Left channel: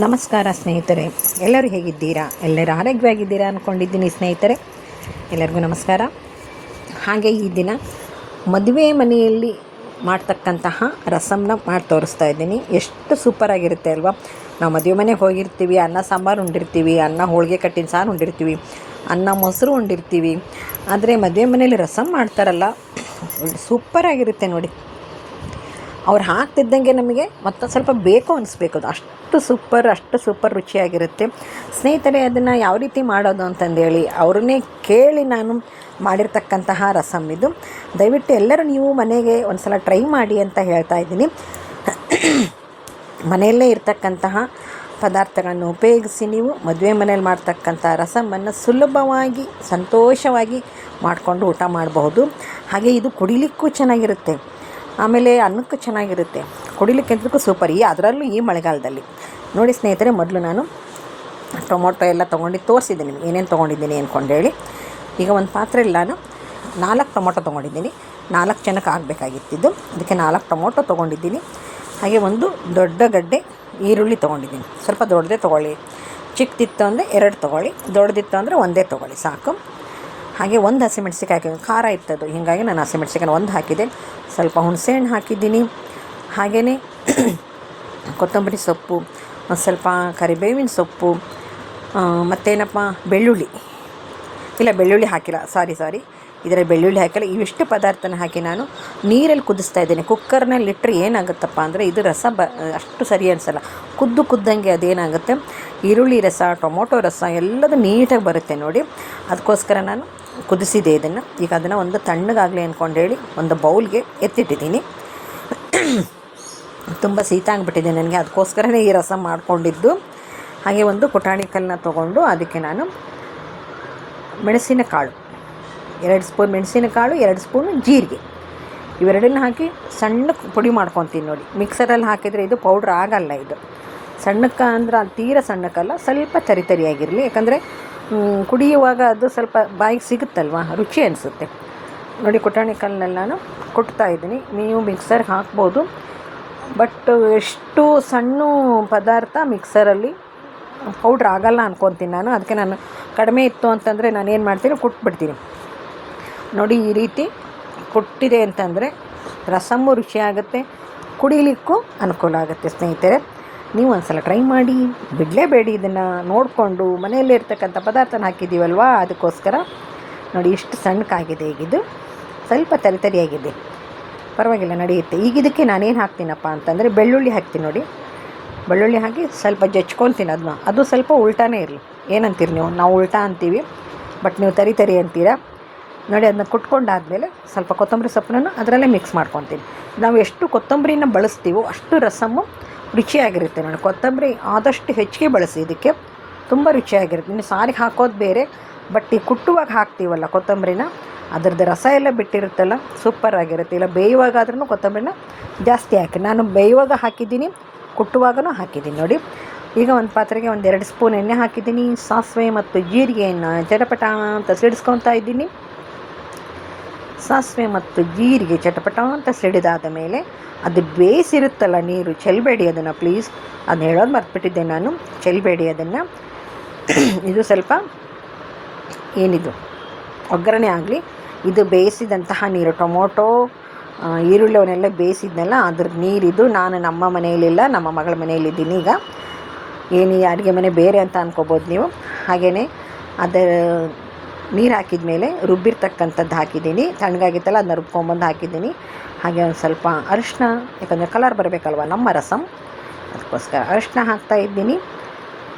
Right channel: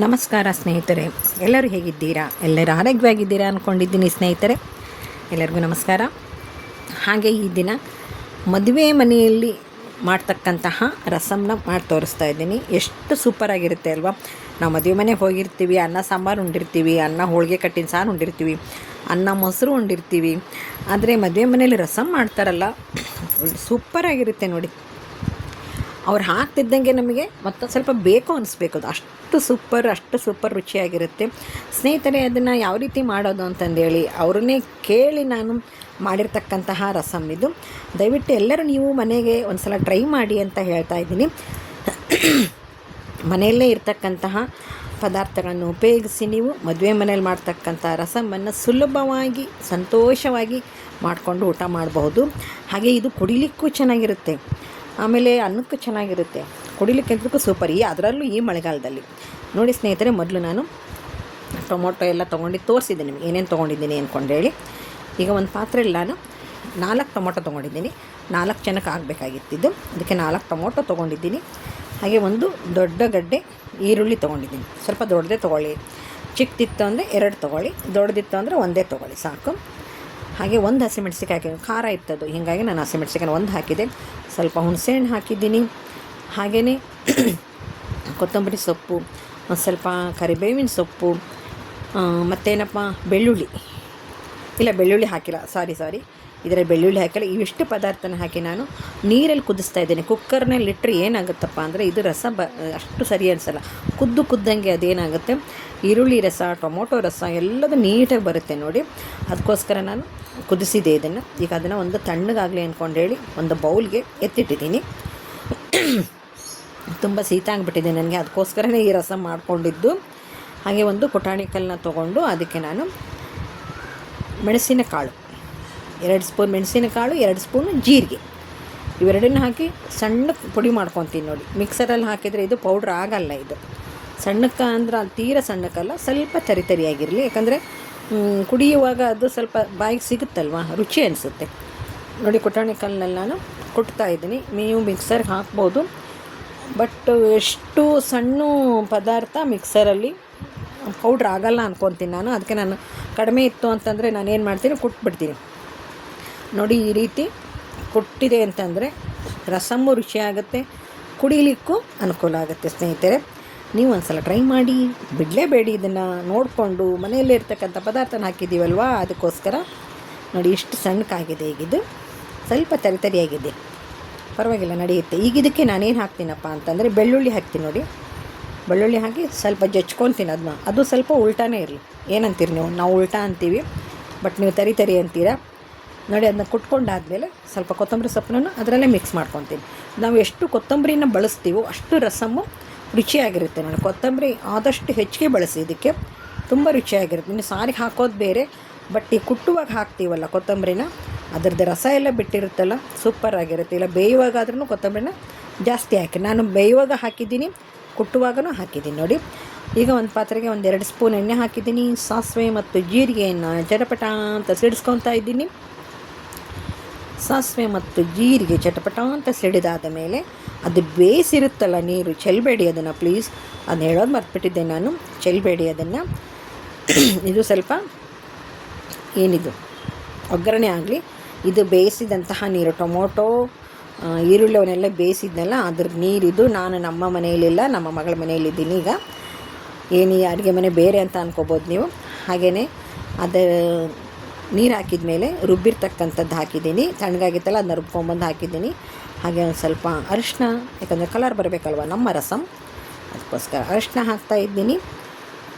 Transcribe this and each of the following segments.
ನಮಸ್ಕಾರ ಸ್ನೇಹಿತರೆ, ಎಲ್ಲರೂ ಹೇಗಿದ್ದೀರಾ? ಎಲ್ಲರೂ ಆರೋಗ್ಯವಾಗಿದ್ದೀರಾ ಅಂದ್ಕೊಂಡಿದ್ದೀನಿ ಸ್ನೇಹಿತರೆ. ಎಲ್ಲರಿಗೂ ನಮಸ್ಕಾರ. ಹಾಗೆ ಈ ದಿನ ಮದುವೆ ಮನೆಯಲ್ಲಿ ಮಾಡ್ತಕ್ಕಂತಹ ರಸಮ್ನ ಮಾಡಿ ತೋರಿಸ್ತಾ ಇದ್ದೀನಿ. ಎಷ್ಟು ಸೂಪರಾಗಿರುತ್ತೆ ಅಲ್ವಾ? ನಾವು ಮದುವೆ ಮನೆಗೆ ಹೋಗಿರ್ತೀವಿ, ಅನ್ನ ಸಾಂಬಾರು ಉಂಡಿರ್ತೀವಿ, ಅನ್ನ ಹೋಳಿಗೆ ಕಟ್ಟಿನ ಸಾರು ಉಂಡಿರ್ತೀವಿ, ಅನ್ನ ಮೊಸರು ಉಂಡಿರ್ತೀವಿ. ಆದರೆ ಮದುವೆ ಮನೆಯಲ್ಲಿ ರಸಮ್ ಮಾಡ್ತಾರಲ್ಲ, ಸೂಪರಾಗಿರುತ್ತೆ ನೋಡಿ. ಅವ್ರು ಹಾಕ್ತಿದ್ದಂಗೆ ನಮಗೆ ಮತ್ತೊಂದು ಸ್ವಲ್ಪ ಬೇಕು ಅನಿಸ್ಬೇಕು. ಅದು ಅಷ್ಟು ಸೂಪರ್ ರುಚಿಯಾಗಿರುತ್ತೆ ಸ್ನೇಹಿತರೆ. ಅದನ್ನು ಯಾವ ರೀತಿ ಮಾಡೋದು ಅಂತಂದೇಳಿ ಅವ್ರನ್ನೇ ಕೇಳಿ ನಾನು ಮಾಡಿರ್ತಕ್ಕಂತಹ ರಸಮ್ ಇದು. ದಯವಿಟ್ಟು ಎಲ್ಲರೂ ನೀವು ಮನೆಗೆ ಒಂದು ಸಲ ಟ್ರೈ ಮಾಡಿ ಅಂತ ಹೇಳ್ತಾ ಇದ್ದೀನಿ. ಮನೆಯಲ್ಲೇ ಇರ್ತಕ್ಕಂತಹ ಪದಾರ್ಥಗಳನ್ನು ಉಪಯೋಗಿಸಿ ನೀವು ಮದುವೆ ಮನೇಲಿ ಮಾಡ್ತಕ್ಕಂಥ ರಸಮನ್ನು ಸುಲಭವಾಗಿ ಸಂತೋಷವಾಗಿ ಮಾಡಿಕೊಂಡು ಊಟ ಮಾಡಬಹುದು. ಹಾಗೆ ಇದು ಕುಡಿಲಿಕ್ಕೂ ಚೆನ್ನಾಗಿರುತ್ತೆ, ಆಮೇಲೆ ಅನ್ನಕ್ಕೂ ಚೆನ್ನಾಗಿರುತ್ತೆ, ಕುಡಿಲಿಕ್ಕೆ ಅಂತಕ್ಕೂ ಸೂಪರ್. ಅದರಲ್ಲೂ ಈ ಮಳೆಗಾಲದಲ್ಲಿ ನೋಡಿ ಸ್ನೇಹಿತರೆ. ಮೊದಲು ನಾನು ಟೊಮೊಟೊ ಎಲ್ಲ ತೊಗೊಂಡು ತೋರಿಸಿದ್ದೀನಿ ಏನೇನು ತೊಗೊಂಡಿದ್ದೀನಿ ಅಂದ್ಕೊಂಡೇಳಿ. ಈಗ ಒಂದು ಪಾತ್ರೆಯಲ್ಲಿ ನಾನು 4 ಟೊಮೊಟೊ ತೊಗೊಂಡಿದ್ದೀನಿ. 4 ಜನಕ್ಕೆ ಆಗಬೇಕಾಗಿತ್ತಿದ್ದು, ಅದಕ್ಕೆ 4 ಟೊಮೊಟೊ ತೊಗೊಂಡಿದ್ದೀನಿ. ಹಾಗೆ ಒಂದು ದೊಡ್ಡ ಗಡ್ಡೆ ಈರುಳ್ಳಿ ತೊಗೊಂಡಿದ್ದೀನಿ. ಸ್ವಲ್ಪ ದೊಡ್ಡದೇ ತೊಗೊಳ್ಳಿ, ಚಿಕ್ಕದಿತ್ತು ಅಂದರೆ 2 ತೊಗೊಳ್ಳಿ, ದೊಡ್ಡದಿತ್ತು ಅಂದರೆ 1 ತೊಗೊಳ್ಳಿ ಸಾಕು. ಹಾಗೆ ಒಂದು ಹಸಿಮೆಣ್ಸಿಕಾಯಿ ಹಾಕಿದ್ದೀನಿ, ಖಾರ ಇತ್ತದು, ಹೀಗಾಗಿ ನಾನು ಹಸಿಮೆಣ್ಸಿಕಾಯಿ 1 ಹಾಕಿದೆ. ಸ್ವಲ್ಪ ಹುಣಸೆಹಣ್ಣು ಹಾಕಿದ್ದೀನಿ. ಹಾಗೆಯೇ ಕೊತ್ತಂಬರಿ ಸೊಪ್ಪು, ಸ್ವಲ್ಪ ಕರಿಬೇವಿನ ಸೊಪ್ಪು, ಮತ್ತೇನಪ್ಪ ಬೆಳ್ಳುಳ್ಳಿ ಹಾಕಿಲ್ಲ, ಸಾರಿ ಇದರಲ್ಲಿ ಬೆಳ್ಳುಳ್ಳಿ ಹಾಕಿಲ್ಲ. ಇವಿಷ್ಟು ಪದಾರ್ಥನ ಹಾಕಿ ನಾನು ನೀರಲ್ಲಿ ಕುದಿಸ್ತಾ ಇದ್ದೇನೆ. ಕುಕ್ಕರ್ನಲ್ಲಿ ಇಟ್ಟರೆ ಏನಾಗುತ್ತಪ್ಪ ಅಂದರೆ ಇದು ರಸ ಅಷ್ಟು ಸರಿ ಅನಿಸಲ್ಲ. ಕುದ್ದಂಗೆ ಅದೇನಾಗುತ್ತೆ, ಈರುಳ್ಳಿ ರಸ, ಟೊಮೊಟೊ ರಸ ಎಲ್ಲದು ನೀಟಾಗಿ ಬರುತ್ತೆ ನೋಡಿ. ಅದಕ್ಕೋಸ್ಕರ ನಾನು ಕುದಿಸಿದೆ ಇದನ್ನು. ಈಗ ಅದನ್ನು ಒಂದು ತಣ್ಣಗಾಗಲಿ ಅಂದ್ಕೊಂಡೇಳಿ ಒಂದು ಬೌಲ್ಗೆ ಎತ್ತಿಟ್ಟಿದ್ದೀನಿ. ತುಂಬ ಶೀತ ಆಗಿಬಿಟ್ಟಿದೆ ನನಗೆ, ಅದಕ್ಕೋಸ್ಕರನೇ ಈ ರಸ ಮಾಡಿಕೊಂಡಿದ್ದು. ಹಾಗೆ ಒಂದು ಪುಟಾಣಿ ಕಲ್ಲನ್ನ ತೊಗೊಂಡು ಅದಕ್ಕೆ ನಾನು ಮೆಣಸಿನಕಾಳು 2 ಸ್ಪೂನ್ ಮೆಣಸಿನಕಾಳು, 2 ಸ್ಪೂನ್ ಜೀರಿಗೆ, ಇವೆರಡನ್ನ ಹಾಕಿ ಸಣ್ಣಕ್ಕೆ ಪುಡಿ ಮಾಡ್ಕೊತೀನಿ ನೋಡಿ. ಮಿಕ್ಸರಲ್ಲಿ ಹಾಕಿದರೆ ಇದು ಪೌಡ್ರ್ ಆಗಲ್ಲ. ಇದು ಸಣ್ಣಕ್ಕೆ ಅಂದ್ರೆ ತೀರ ಸಣ್ಣಕ್ಕಲ್ಲ, ಸ್ವಲ್ಪ ತರಿಯಾಗಿರಲಿ. ಯಾಕಂದರೆ ಕುಡಿಯುವಾಗ ಅದು ಸ್ವಲ್ಪ ಬಾಯಿಗೆ ಸಿಗುತ್ತಲ್ವ, ರುಚಿ ಅನಿಸುತ್ತೆ ನೋಡಿ. ಪುಟಾಣಿ ಕಲ್ಲನ್ನೆಲ್ಲ ನಾನು ಕೊಡ್ತಾ ಇದ್ದೀನಿ. ನೀವು ಮಿಕ್ಸರ್ಗೆ ಹಾಕ್ಬೋದು, ಬಟ್ ಎಷ್ಟು ಸಣ್ಣ ಪದಾರ್ಥ ಮಿಕ್ಸರಲ್ಲಿ ಪೌಡ್ರ್ ಆಗಲ್ಲ ಅಂದ್ಕೊತೀನಿ ನಾನು. ಅದಕ್ಕೆ ನಾನು ಕಡಿಮೆ ಇತ್ತು ಅಂತಂದರೆ ನಾನೇನು ಮಾಡ್ತೀನಿ, ಕುಟ್ಬಿಡ್ತೀನಿ ನೋಡಿ. ಈ ರೀತಿ ಕೊಟ್ಟಿದೆ ಅಂತಂದರೆ ರಸಮ್ಮು ರುಚಿಯಾಗುತ್ತೆ, ಕುಡಿಲಿಕ್ಕೂ ಅನುಕೂಲ ಆಗುತ್ತೆ ಸ್ನೇಹಿತರೆ. ನೀವು ಒಂದು ಸಲ ಟ್ರೈ ಮಾಡಿ, ಬಿಡಲೇಬೇಡಿ. ಇದನ್ನು ನೋಡಿಕೊಂಡು ಮನೆಯಲ್ಲೇ ಇರ್ತಕ್ಕಂಥ ಪದಾರ್ಥನ ಹಾಕಿದ್ದೀವಲ್ವ, ಅದಕ್ಕೋಸ್ಕರ ನೋಡಿ ಇಷ್ಟು ಸಣ್ಣಕ್ಕಾಗಿದೆ. ಈಗಿದು ಸ್ವಲ್ಪ ತರಿಯಾಗಿದೆ, ಪರವಾಗಿಲ್ಲ, ನಡೆಯುತ್ತೆ. ಈಗ ಇದಕ್ಕೆ ನಾನೇನು ಹಾಕ್ತೀನಪ್ಪ ಅಂತಂದರೆ ಬೆಳ್ಳುಳ್ಳಿ ಹಾಕ್ತೀನಿ ನೋಡಿ. ಬೆಳ್ಳುಳ್ಳಿ ಹಾಕಿ ಸ್ವಲ್ಪ ಜಚ್ಕೊತೀನಿ ಅದನ್ನ. ಅದು ಸ್ವಲ್ಪ ಉಲ್ಟಾನೇ ಇರಲಿ. ಏನಂತೀರಿ ನೀವು? ನಾವು ಉಲ್ಟಾ ಅಂತೀವಿ, ಬಟ್ ನೀವು ತರಿ ಅಂತೀರಾ ನೋಡಿ. ಅದನ್ನ ಕುಟ್ಕೊಂಡಾದಮೇಲೆ ಸ್ವಲ್ಪ ಕೊತ್ತಂಬರಿ ಸೊಪ್ಪನ್ನು ಅದರಲ್ಲೇ ಮಿಕ್ಸ್ ಮಾಡ್ಕೊತೀನಿ. ನಾವು ಎಷ್ಟು ಕೊತ್ತಂಬರಿನ ಬಳಸ್ತೀವೋ ಅಷ್ಟು ರಸಮ್ಮು ರುಚಿಯಾಗಿರುತ್ತೆ ನೋಡಿ. ಕೊತ್ತಂಬರಿ ಆದಷ್ಟು ಹೆಚ್ಚಿಗೆ ಬಳಸಿ, ಇದಕ್ಕೆ ತುಂಬ ರುಚಿಯಾಗಿರುತ್ತೆ. ಇನ್ನು ಸಾರಿಗೆ ಹಾಕೋದು ಬೇರೆ, ಬಟ್ ಈ ಕುಟ್ಟುವಾಗ ಹಾಕ್ತೀವಲ್ಲ ಕೊತ್ತಂಬರಿನ, ಅದರದ್ದು ರಸ ಎಲ್ಲ ಬಿಟ್ಟಿರುತ್ತಲ್ಲ, ಸೂಪರಾಗಿರುತ್ತೆ. ಇಲ್ಲ ಬೇಯುವಾಗಾದ್ರೂ ಕೊತ್ತಂಬರಿನ ಜಾಸ್ತಿ ಹಾಕಿ, ನಾನು ಬೇಯುವಾಗ ಹಾಕಿದ್ದೀನಿ, ಕುಟ್ಟುವಾಗನೂ ಹಾಕಿದ್ದೀನಿ ನೋಡಿ. ಈಗ ಒಂದು ಪಾತ್ರೆಗೆ 2 ಸ್ಪೂನ್ ಎಣ್ಣೆ ಹಾಕಿದ್ದೀನಿ. ಸಾಸಿವೆ ಮತ್ತು ಜೀರಿಗೆಯನ್ನು ಚಟಪಟ ಅಂತ ಸಿಡಿಸ್ಕೊತಾ ಇದ್ದೀನಿ. ಸಾಸಿವೆ ಮತ್ತು ಜೀರಿಗೆ ಚಟಪಟ ಅಂತ ಸಿಡಿದಾದ ಮೇಲೆ ಅದು ಬೇಯಿಸಿರುತ್ತಲ್ಲ ನೀರು, ಚೆಲ್ಲಬೇಡಿ ಅದನ್ನು ಪ್ಲೀಸ್. ಅದನ್ನ ಹೇಳೋದು ಮರ್ತ್ಬಿಟ್ಟಿದ್ದೆ ನಾನು, ಚೆಲ್ಲಬೇಡಿ ಅದನ್ನು. ಇದು ಸ್ವಲ್ಪ ಏನಿದು ಒಗ್ಗರಣೆ ಆಗಲಿ. ಇದು ಬೇಯಿಸಿದಂತಹ ನೀರು, ಟೊಮೊಟೊ ಈರುಳ್ಳಿ ಅವನ್ನೆಲ್ಲ ಬೇಯಿಸಿದ್ನಲ್ಲ ಅದ್ರ ನೀರಿದು. ನಾನು ನಮ್ಮ ಮನೆಯಲ್ಲಿಲ್ಲ, ನಮ್ಮ ಮಗಳ ಮನೆಯಲ್ಲಿದ್ದೀನಿ. ಈಗ ಏನು ಈ ಅಡುಗೆ ಮನೆ ಬೇರೆ ಅಂತ ಅಂದ್ಕೋಬೋದು ನೀವು. ಹಾಗೆಯೇ ಅದರ ನೀರು ಹಾಕಿದ ಮೇಲೆ ರುಬ್ಬಿರ್ತಕ್ಕಂಥದ್ದು ಹಾಕಿದ್ದೀನಿ. ತಣ್ಣಗಾಗಿತ್ತಲ್ಲ, ಅದನ್ನ ರುಬ್ಕೊಂಬಂದು ಹಾಕಿದ್ದೀನಿ. ಹಾಗೆ ಒಂದು ಸ್ವಲ್ಪ ಅರಿಶಿನ, ಯಾಕಂದರೆ ಕಲರ್ ಬರಬೇಕಲ್ವ ನಮ್ಮ ರಸಮ್, ಅದಕ್ಕೋಸ್ಕರ ಅರಿಶಿನ ಹಾಕ್ತಾಯಿದ್ದೀನಿ.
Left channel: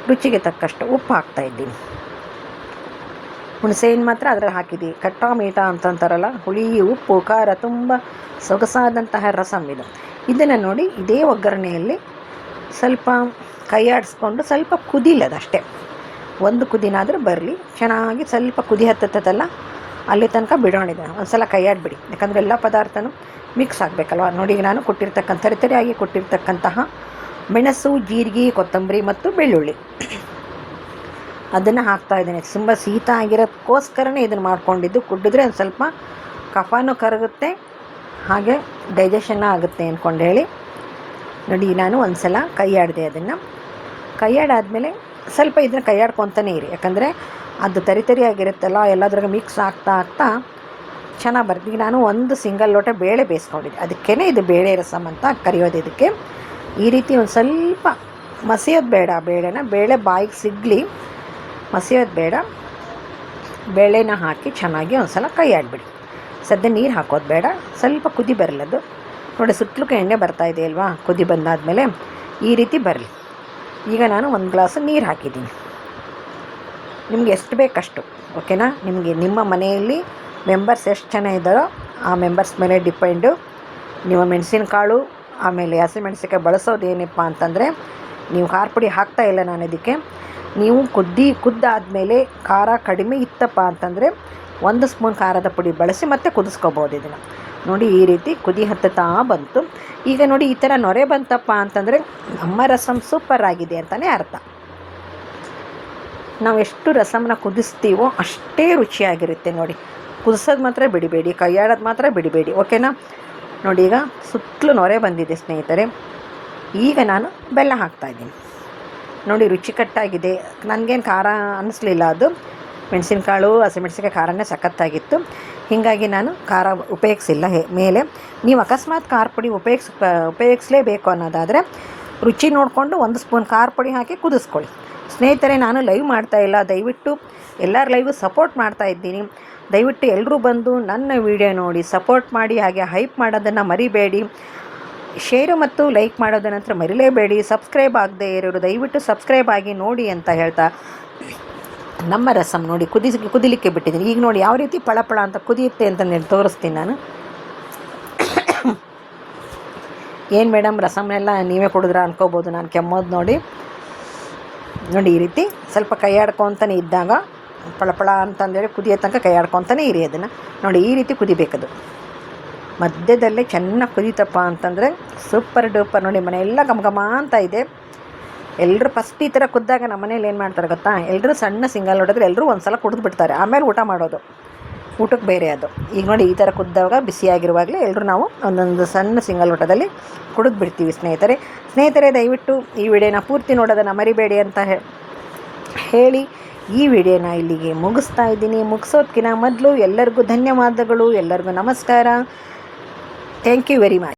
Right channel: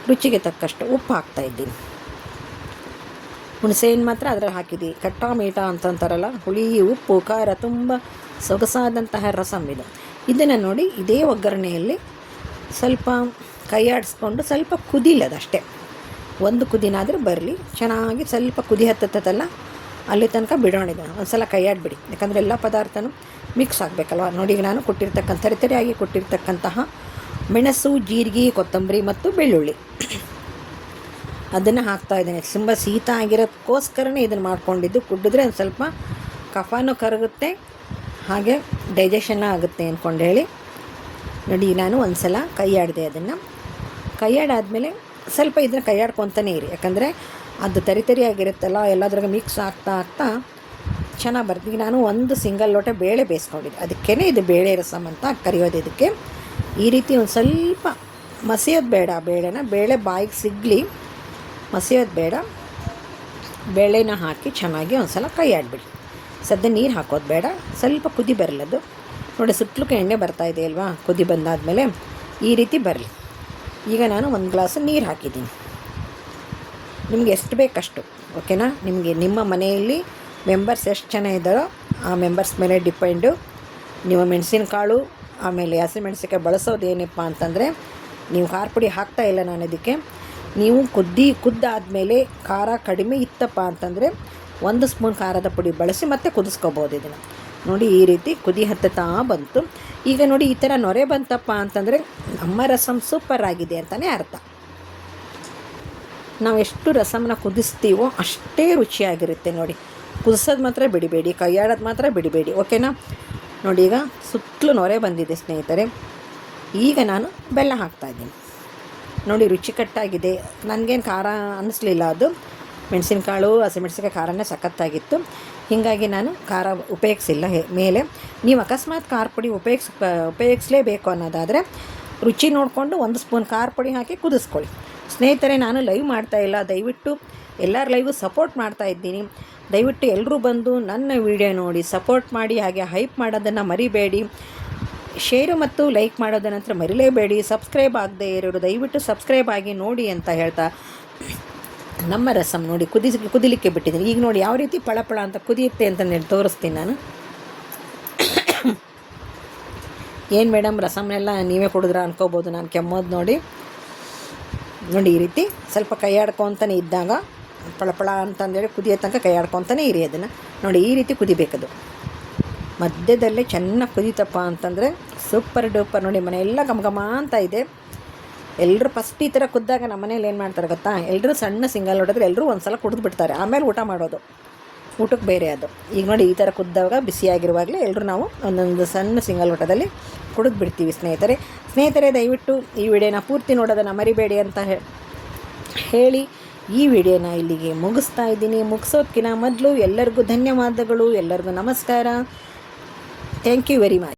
ರುಚಿಗೆ ತಕ್ಕಷ್ಟು ಉಪ್ಪು ಹಾಕ್ತಾಯಿದ್ದೀನಿ. ಹುಣಸೆಹಣ್ಣು ಮಾತ್ರ ಅದರಲ್ಲಿ ಹಾಕಿದ್ದೀವಿ. ಕಟ್ಟಾ ಮೀಠ ಅಂತಂತಾರಲ್ಲ, ಹುಳಿ ಉಪ್ಪು ಖಾರ ತುಂಬ ಸೊಗಸಾದಂತಹ ರಸಮ್ ಇದು. ಇದನ್ನು ನೋಡಿ ಇದೇ ಒಗ್ಗರಣೆಯಲ್ಲಿ ಸ್ವಲ್ಪ ಕೈ ಆಡಿಸ್ಕೊಂಡು ಸ್ವಲ್ಪ ಕುದಿಲದಷ್ಟೇ, ಒಂದು ಕುದಿನಾದರೂ ಬರಲಿ ಚೆನ್ನಾಗಿ. ಸ್ವಲ್ಪ ಕುದಿ ಹತ್ತತ್ತಲ್ಲ ಅಲ್ಲಿ ತನಕ ಬಿಡೋಣಿದೆ. ಒಂದು ಸಲ ಕೈ ಆಡಿಬಿಡಿ, ಯಾಕಂದರೆ ಎಲ್ಲ ಪದಾರ್ಥನೂ ಮಿಕ್ಸ್ ಆಗಬೇಕಲ್ವ ನೋಡಿ. ಈಗ ನಾನು ಕೊಟ್ಟಿರ್ತಕ್ಕಂಥ ತರಿಯಾಗಿ ಕೊಟ್ಟಿರ್ತಕ್ಕಂತಹ ಮೆಣಸು, ಜೀರಿಗೆ, ಕೊತ್ತಂಬರಿ ಮತ್ತು ಬೆಳ್ಳುಳ್ಳಿ ಅದನ್ನು ಹಾಕ್ತಾಯಿದ್ದೀನಿ. ತುಂಬ ಶೀತ ಆಗಿರೋದಕ್ಕೋಸ್ಕರನೇ ಇದನ್ನು ಮಾಡ್ಕೊಂಡಿದ್ದು. ಕುಡಿದ್ರೆ ಒಂದು ಸ್ವಲ್ಪ ಕಫನೂ ಕರಗುತ್ತೆ, ಹಾಗೆ ಡೈಜೆಷನ್ ಆಗುತ್ತೆ ಅಂದ್ಕೊಂಡು ಹೇಳಿ ನೋಡಿ. ನಾನು ಒಂದು ಸಲ ಕೈ ಆಡಿದೆ, ಅದನ್ನು ಕೈಯಾಡಾದಮೇಲೆ ಸ್ವಲ್ಪ ಇದನ್ನ ಕೈಯಾಡ್ಕೊತಾನೆ ಇರಿ, ಯಾಕಂದರೆ ಅದು ತರಿಯಾಗಿರುತ್ತಲ್ಲ ಎಲ್ಲದ್ರಾಗ ಮಿಕ್ಸ್ ಆಗ್ತಾ ಚೆನ್ನಾಗಿ ಬರ್ತದೆ. ಈಗ ನಾನು ಒಂದು ಸಿಂಗಲ್ ಲೋಟ ಬೇಳೆ ಬೇಯಿಸ್ಕೊಂಡಿದ್ದೆ, ಅದಕ್ಕೇ ಇದು ಬೇಳೆ ರಸಮ್ ಅಂತ ಕರೆಯೋದು. ಇದಕ್ಕೆ ಈ ರೀತಿ ಒಂದು ಸ್ವಲ್ಪ ಮಸಿಯೋದು ಬೇಡ, ಬೇಳೆ ಬಾಯಿಗೆ ಸಿಗಲಿ, ಮಸಿಯೋದು ಬೇಡ. ಬೇಳೆನ ಹಾಕಿ ಚೆನ್ನಾಗಿ ಒಂದು ಸಲ ಕೈಯಾಡಿಬಿಡಿ. ಸದ್ಯ ನೀರು ಹಾಕೋದು ಬೇಡ, ಸ್ವಲ್ಪ ಕುದಿ ಬರಲದು ನೋಡಿ. ಸುತ್ತಲಕ್ಕೆ ಎಣ್ಣೆ ಬರ್ತಾಯಿದೆ ಅಲ್ವಾ, ಕುದಿ ಬಂದಾದಮೇಲೆ ಈ ರೀತಿ ಬರಲಿ. ಈಗ ನಾನು ಒಂದು ಗ್ಲಾಸ್ ನೀರು ಹಾಕಿದ್ದೀನಿ, ನಿಮ್ಗೆ ಎಷ್ಟು ಬೇಕಷ್ಟು, ಓಕೆನಾ. ನಿಮ್ಮ ಮನೆಯಲ್ಲಿ ಮೆಂಬರ್ಸ್ ಎಷ್ಟು ಜನ ಇದ್ದಾರೋ ಆ ಮೆಂಬರ್ಸ್ ಮೇಲೆ ಡಿಪೆಂಡು. ನೀವು ಮೆಣಸಿನಕಾಳು ಆಮೇಲೆ ಹಸಿಮೆಣಸಿನಕಾಯಿ ಬಳಸೋದೇನಪ್ಪ ಅಂತಂದರೆ, ನೀವು ಖಾರ ಪುಡಿ ಹಾಕ್ತಾಯಿಲ್ಲ ನಾನು ಇದಕ್ಕೆ. ನೀವು ಕುದ್ದಾದಮೇಲೆ ಖಾರ ಕಡಿಮೆ ಇತ್ತಪ್ಪ ಅಂತಂದರೆ 1 ಸ್ಪೂನ್ ಖಾರದ ಪುಡಿ ಬಳಸಿ ಮತ್ತೆ ಕುದಿಸ್ಕೋಬೋದು ಇದನ್ನು. ನೋಡಿ ಈ ರೀತಿ ಕುದಿ ಹತ್ತುತ್ತಾ ಬಂತು. ಈಗ ನೋಡಿ ಈ ಥರ ನೊರೆ ಬಂತಪ್ಪ ಅಂತಂದರೆ ನಮ್ಮ ರಸಮ್ ಸೂಪರ್ ಆಗಿದೆ ಅಂತಲೇ ಅರ್ಥ. ನಾವು ಎಷ್ಟು ರಸಮ್ನ ಕುದಿಸ್ತೀವೋ ಅಷ್ಟೇ ರುಚಿಯಾಗಿರುತ್ತೆ ನೋಡಿ. ಕುದಿಸೋದು ಮಾತ್ರ ಬಿಡಬೇಡಿ, ಕೈಯಾಡೋದು ಮಾತ್ರ ಬಿಡಬೇಡಿ, ಓಕೆನಾ. ನೋಡಿ ಈಗ ಸುತ್ತಲೂ ನೊರೆ ಬಂದಿದೆ ಸ್ನೇಹಿತರೆ. ಈಗ ನಾನು ಬೆಲ್ಲ ಹಾಕ್ತಾಯಿದ್ದೀನಿ ನೋಡಿ. ರುಚಿಕಟ್ಟಾಗಿದೆ, ನನಗೇನು ಖಾರ ಅನ್ನಿಸ್ಲಿಲ್ಲ. ಅದು ಮೆಣಸಿನಕಾಳು ಹಸಿಮೆಣಸಿನಕಾಯಿ ಖಾರನೇ ಸಖತ್ತಾಗಿತ್ತು, ಹೀಗಾಗಿ ನಾನು ಖಾರ ಉಪಯೋಗಿಸಿಲ್ಲ ಮೇಲೆ. ನೀವು ಅಕಸ್ಮಾತ್ ಖಾರ ಪುಡಿ ಉಪಯೋಗಿಸಲೇಬೇಕು ಅನ್ನೋದಾದರೆ ರುಚಿ ನೋಡಿಕೊಂಡು 1 ಸ್ಪೂನ್ ಖಾರ ಪುಡಿ ಹಾಕಿ ಕುದಿಸ್ಕೊಳ್ಳಿ. ಸ್ನೇಹಿತರೆ, ನಾನು ಲೈವ್ ಮಾಡ್ತಾಯಿಲ್ಲ, ದಯವಿಟ್ಟು ಎಲ್ಲರ ಲೈವು ಸಪೋರ್ಟ್ ಮಾಡ್ತಾಯಿದ್ದೀನಿ. ದಯವಿಟ್ಟು ಎಲ್ಲರೂ ಬಂದು ನನ್ನ ವಿಡಿಯೋ ನೋಡಿ ಸಪೋರ್ಟ್ ಮಾಡಿ, ಹಾಗೆ ಹೈಪ್ ಮಾಡೋದನ್ನು ಮರಿಬೇಡಿ. ಶೇರು ಮತ್ತು ಲೈಕ್ ಮಾಡೋದ ನಂತರ ಮರಿಲೇಬೇಡಿ. ಸಬ್ಸ್ಕ್ರೈಬ್ ಆಗದೆ ಇರೋರು ದಯವಿಟ್ಟು ಸಬ್ಸ್ಕ್ರೈಬ್ ಆಗಿ ನೋಡಿ ಅಂತ ಹೇಳ್ತಾ, ನಮ್ಮ ರಸಮ್ ನೋಡಿ ಕುದಿಲಿಕ್ಕೆ ಬಿಟ್ಟಿದ್ದೀನಿ. ಈಗ ನೋಡಿ ಯಾವ ರೀತಿ ಪಳಪಳ ಅಂತ ಕುದಿಯುತ್ತೆ ಅಂತ ತೋರಿಸ್ತೀನಿ ನಾನು. ಏನು ಮೇಡಮ್ ರಸಮ್ನೆಲ್ಲ ನೀವೇ ಕುಡಿದ್ರ ಅನ್ಕೋಬೋದು, ನಾನು ಕೆಮ್ಮೋದು ನೋಡಿ ಈ ರೀತಿ ಸ್ವಲ್ಪ ಕೈಯಾಡ್ಕೊತಾನೆ ಇದ್ದಾಗ ಪಳಪಳ ಅಂತಂದೇಳಿ ಕುದಿಯೋ ತನಕ ಕೈಯಾಡ್ಕೊತಾನೆ ಇರಿ ಅದನ್ನು. ನೋಡಿ ಈ ರೀತಿ ಕುದಿಬೇಕದು, ಮಧ್ಯದಲ್ಲೇ ಚೆನ್ನಾಗಿ ಕುದೀತಪ್ಪ ಅಂತಂದರೆ ಸೂಪರ್ ಡೂಪರ್. ನೋಡಿ ಮನೆಯೆಲ್ಲ ಘಮ ಅಂತ ಇದೆ. ಎಲ್ಲರೂ ಫಸ್ಟ್ ಈ ಥರ ಕುದ್ದಾಗ ನಮ್ಮ ಮನೇಲಿ ಏನು ಮಾಡ್ತಾರೆ ಗೊತ್ತಾ, ಎಲ್ಲರೂ ಸಣ್ಣ ಸಿಂಗಲ್ ಹೊಡೆದ್ರೆ ಎಲ್ಲರೂ ಒಂದು ಸಲ ಕುಡಿದು ಬಿಡ್ತಾರೆ, ಆಮೇಲೆ ಊಟ ಮಾಡೋದು, ಊಟಕ್ಕೆ ಬೇರೆ ಅದು. ಈಗ ನೋಡಿ ಈ ಥರ ಕುದ್ದಾಗ ಬಿಸಿಯಾಗಿರುವಾಗಲೇ ಎಲ್ಲರೂ ನಾವು ಒಂದೊಂದು ಸಣ್ಣ ಸಿಂಗಲ್ ಊಟದಲ್ಲಿ ಕುಡಿದು ಬಿಡ್ತೀವಿ ಸ್ನೇಹಿತರೆ. ದಯವಿಟ್ಟು ಈ ವಿಡಿಯೋನ ಪೂರ್ತಿ ನೋಡೋದನ್ನು ಮರಿಬೇಡಿ ಅಂತ ಹೇಳಿ ಈ ವಿಡಿಯೋನ ಇಲ್ಲಿಗೆ ಮುಗಿಸ್ತಾ ಇದ್ದೀನಿ. ಮುಗಿಸೋದಕ್ಕಿಂತ ಮೊದಲು ಎಲ್ಲರಿಗೂ ಧನ್ಯವಾದಗಳು, ಎಲ್ಲರಿಗೂ ನಮಸ್ಕಾರ. Thank you very much.